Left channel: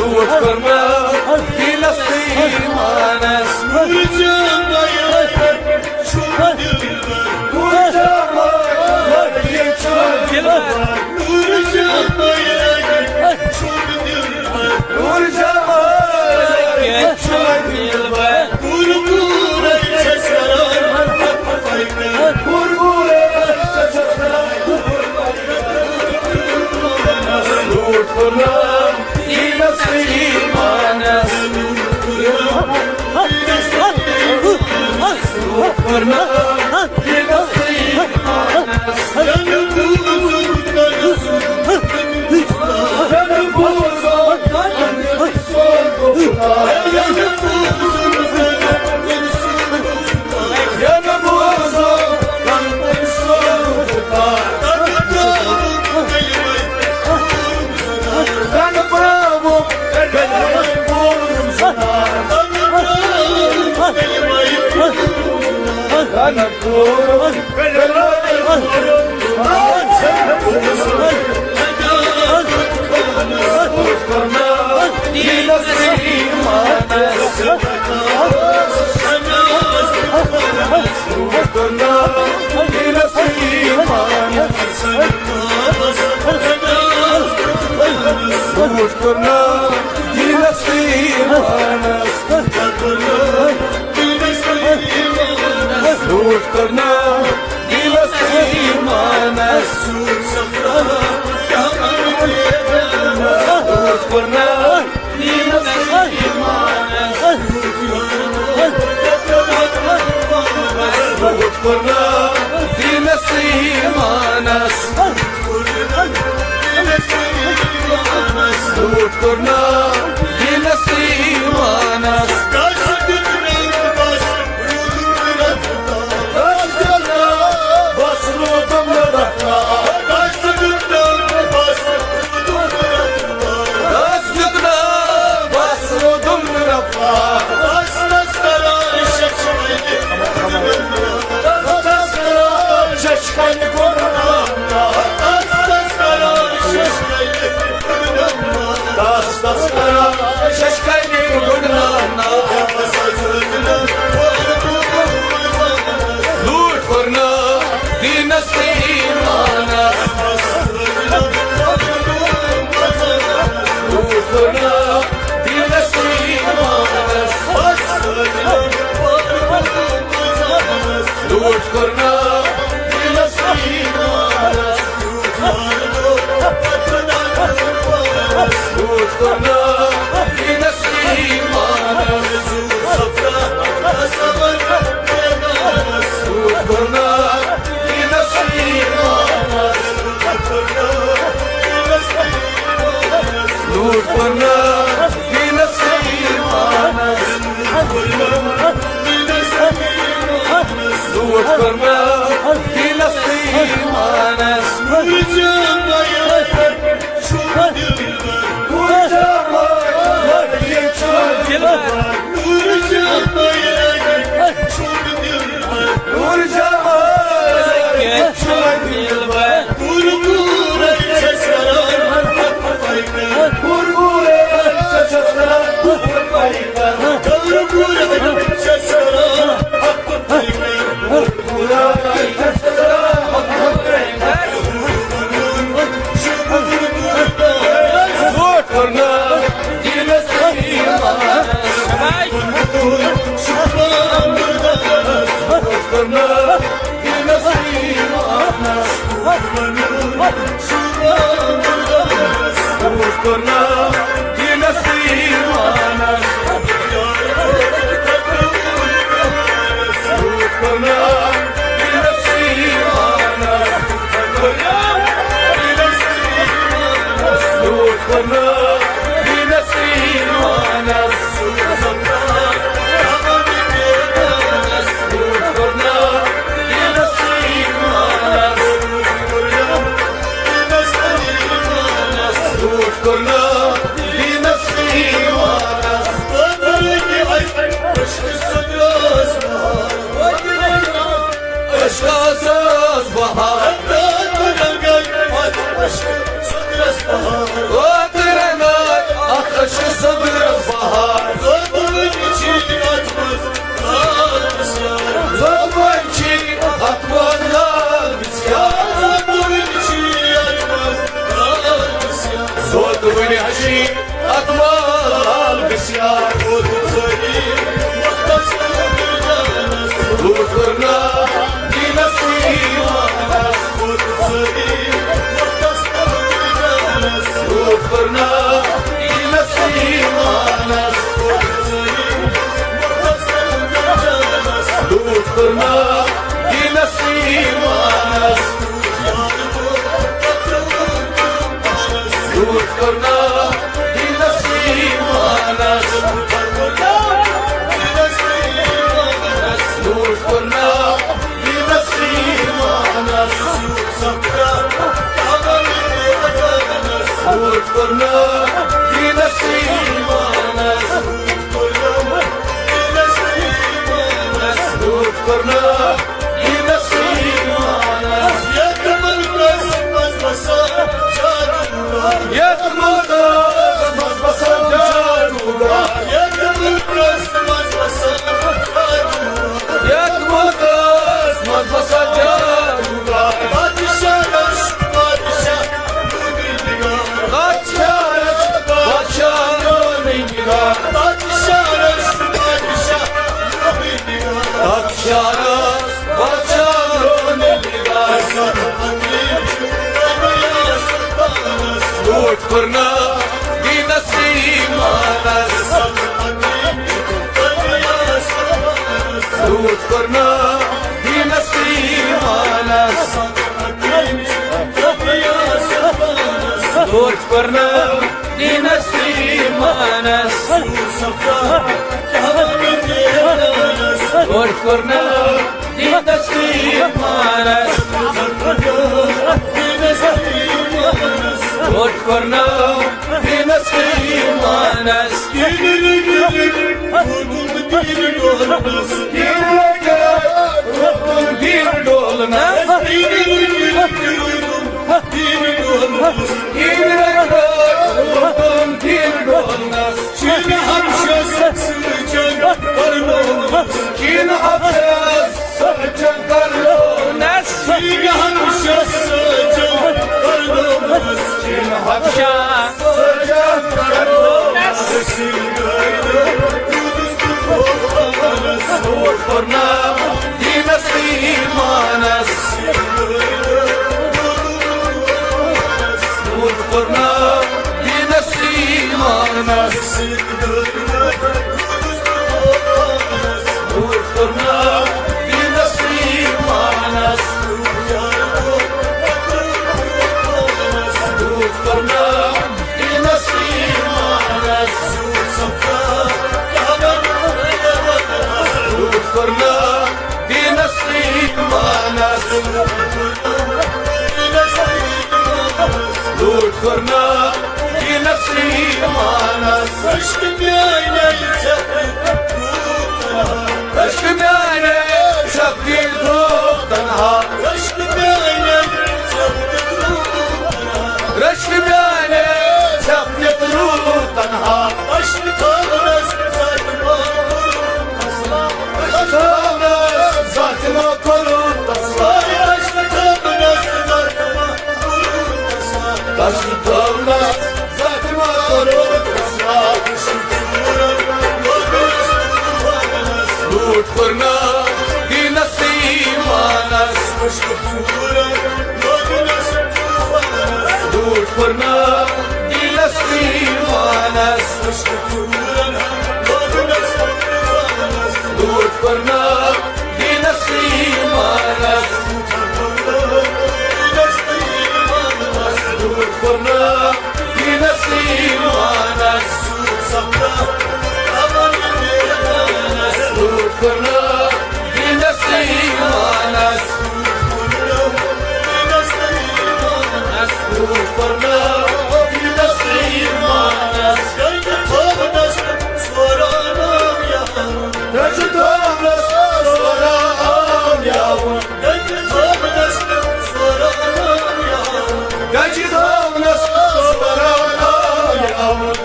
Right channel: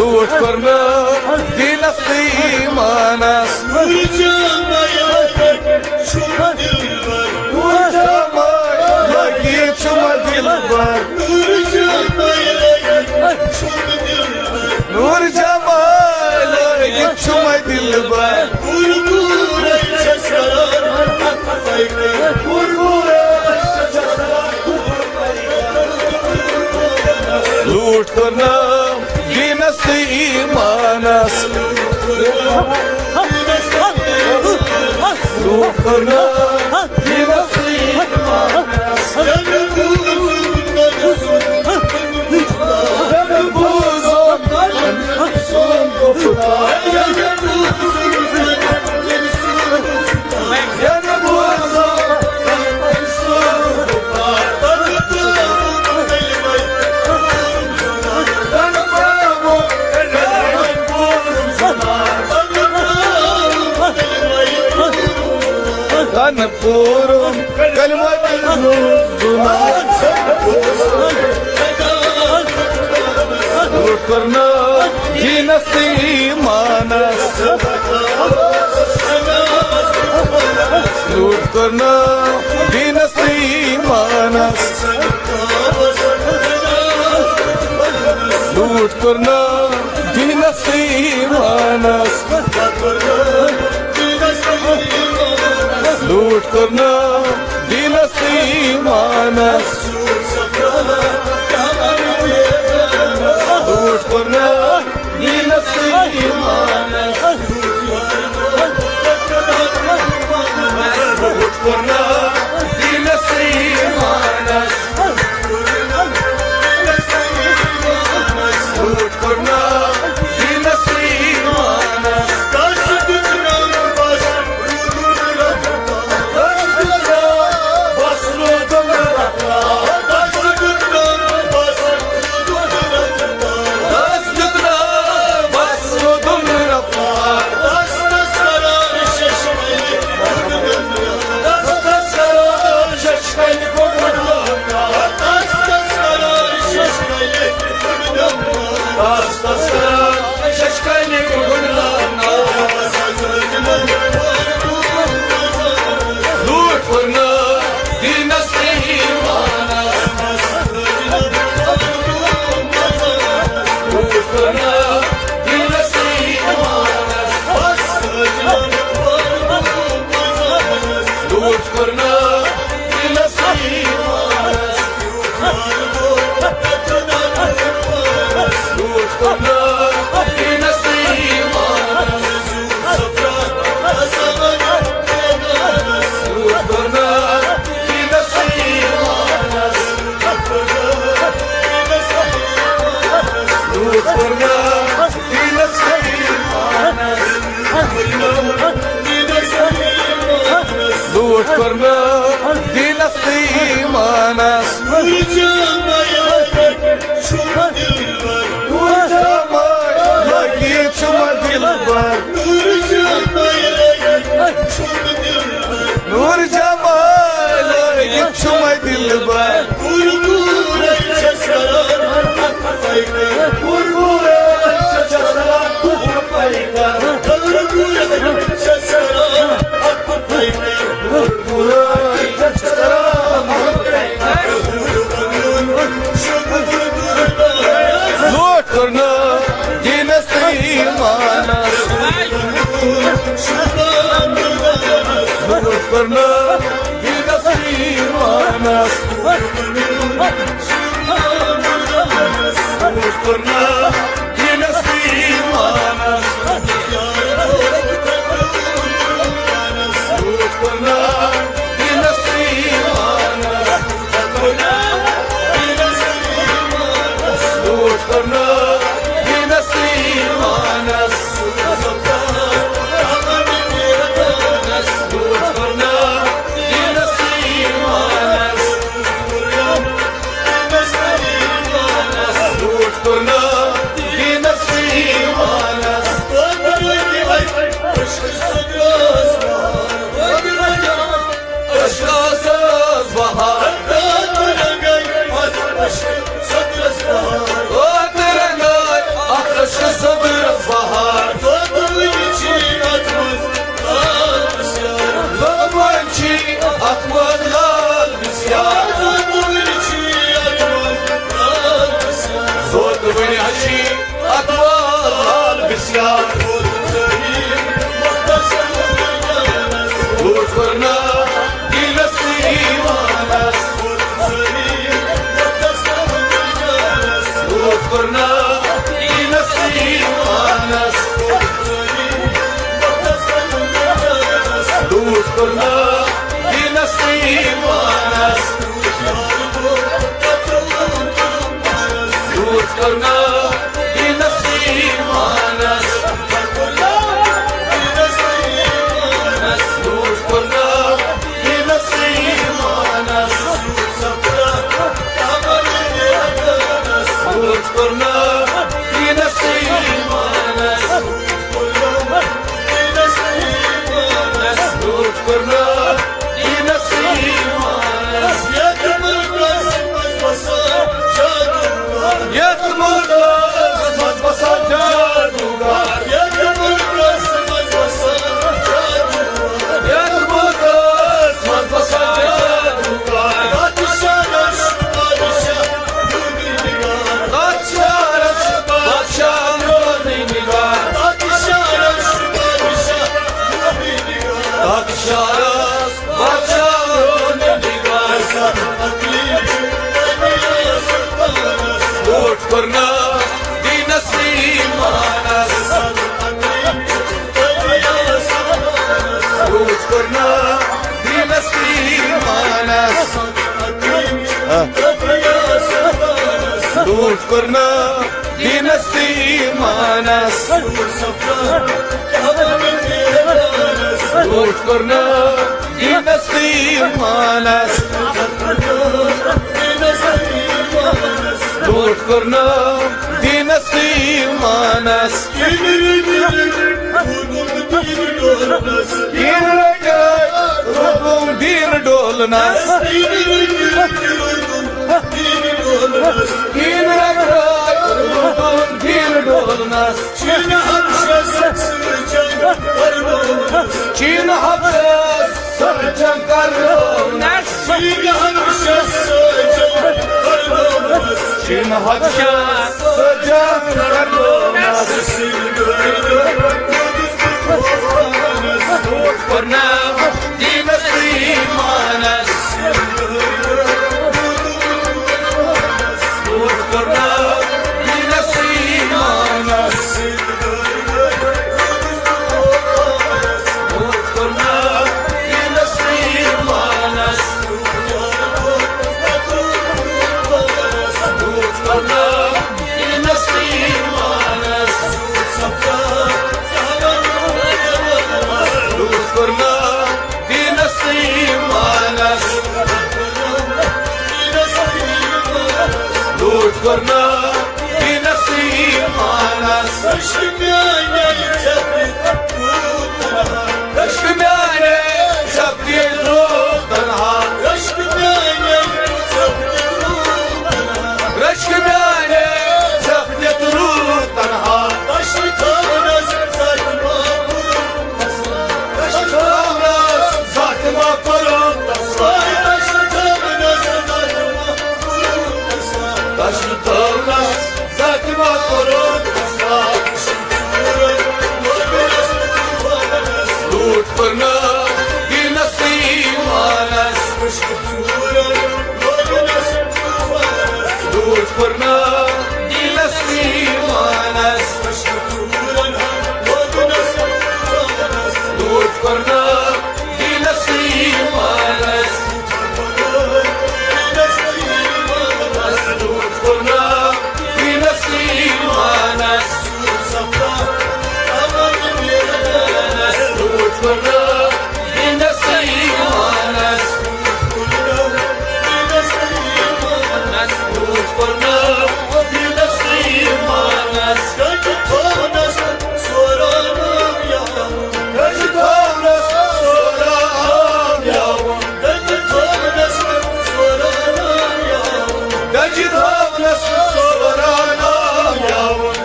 लूट करना दिलस्ती मानस नूर लूट करना दिलस्ती मानस लूट करना दिलस्ती करना दिलस्ती मानस लूट करना दिलस्ती मानस लूट करना दिलस्ती मानस लूट करना दिलस्ती मानस लूट करना दिलस्ती मानस लूट करना दिलस्ती मानस लूट करना दिलस्ती मानस लूट करना दिलस्ती मानस लूट करना दिलस्ती मानस लूट करना दिलस्ती मानस लूट करना दिलस्ती मानस लूट करना दिलस्ती मानस नूर करना दिलस्ती मानस लूट करना दिलस्ती मानस लूट करना दिलस्ती मानस लूट करना दिलस्ती मानस करना दिलस्ती Sabır bahar Zorbalık için atmaz isyan. Zorbalık için atmazlar isyan Zorbalık için atmaz isyan. Zorbalık için atmazlar isyan Zalim muhtaçlardır canas. Lütf करना ये नसीबानस Zalim muhtaçlardır canas. लूट करना ये नसीबानस Zalim muhtaçlardır canas. लूट करना ये नसीबानस लूट करना ये नसीबानस लूट करना ये नसीबानस लूट करना ये नसीबानस लूट करना ये नसीबानस Yetmul kısmaz basa canıga Yetmul kısmaz basa canıga Padişahmış padişah Padişahmış padişah Padişahmış padişah Padişahmış padişah लूट करना ये नसीबानस लूट करना ये नसीबानस लूट करना ये नसीबानस लूट करना ये नसीबानस लूट करना ये नसीबानस दीन डोलना दीन डोलना चीन हफ्स सरजम करनस चीन हफ्स सरजम करनस लूट करना ये नसीबानस लूट करना ये नसीबानस लूट करना ये नसीबानस लूट करना ये नसीबानस लूट करना ये नसीबानस लूट करना ये नसीबानस Aşkı yani इश्क में आने सबकी धूप तन्हा Aşkı yani रश्क में आने सबकी धूप तन्हा Aşkı tavnas sayma Zatıma kurun Vay aşkı tavnas sayma Taşlı tavlas zatıma kurun लूट करना ये नसीबानस लूट करना ये नसीबानस लूट करना ये नसीबानस लूट करना ये नसीबानस लूट करना ये नसीबानस लूट करना ये नसीबानस Gecikavnes soram yavrum Gecikavnes soram yavrum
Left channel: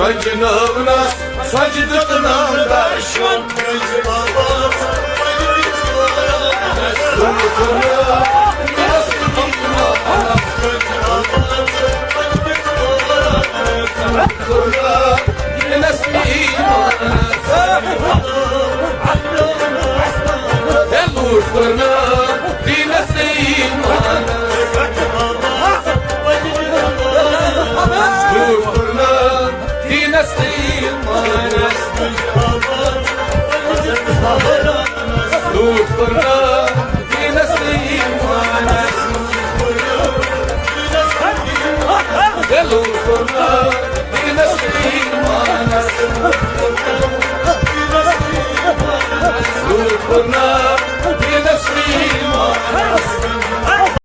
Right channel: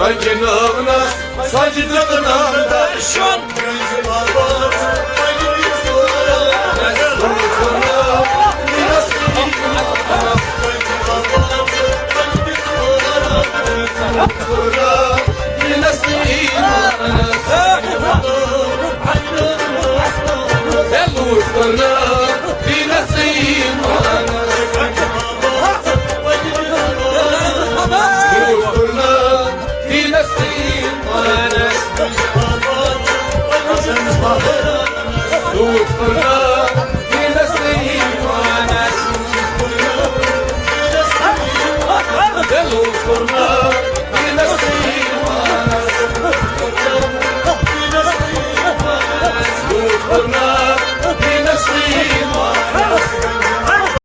Rajinavna sajdatnam darshan Rajbabat Majlis Koran Dulkuna Rajbabat Majlis Koran Dulkuna Dulkuna Binasiman Lutfuna